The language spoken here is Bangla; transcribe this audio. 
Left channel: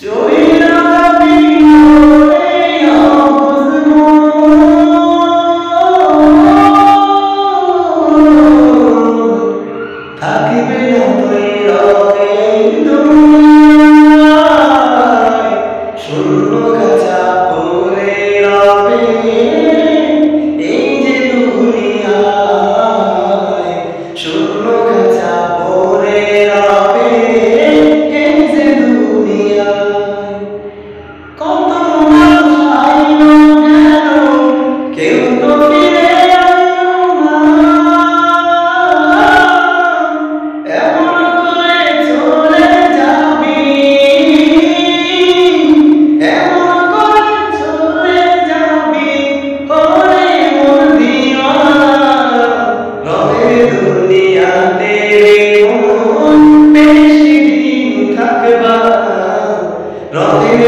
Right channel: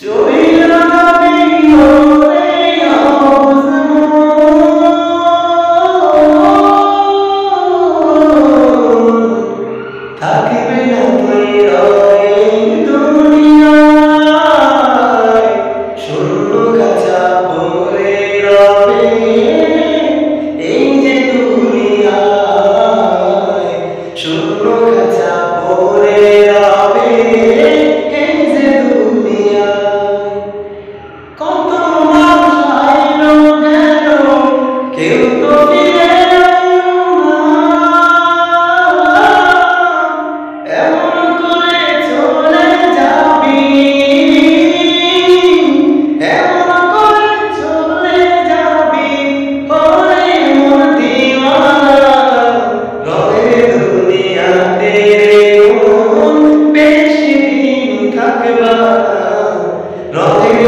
চইলা যাবি ওরে আবুজ মন, থাকিবে না তৈরা এই দুনিয়ায়, শূন্য খাঁচা পড়ে রবে এই যে দুনিয়ায়, শূন্য খাঁচা পড়ে রবে এই যে দুনিয়ায়। কত মানুষ আইলো গেল, কেউ তো ফিরে আইলো না, এমন করে চলে যাবি, এমন করে চলে যাবি ওরে মন দিওয়ানা। রঙের দুনিয়াতে রে মন বেশি দিন থাকবা না, রঙের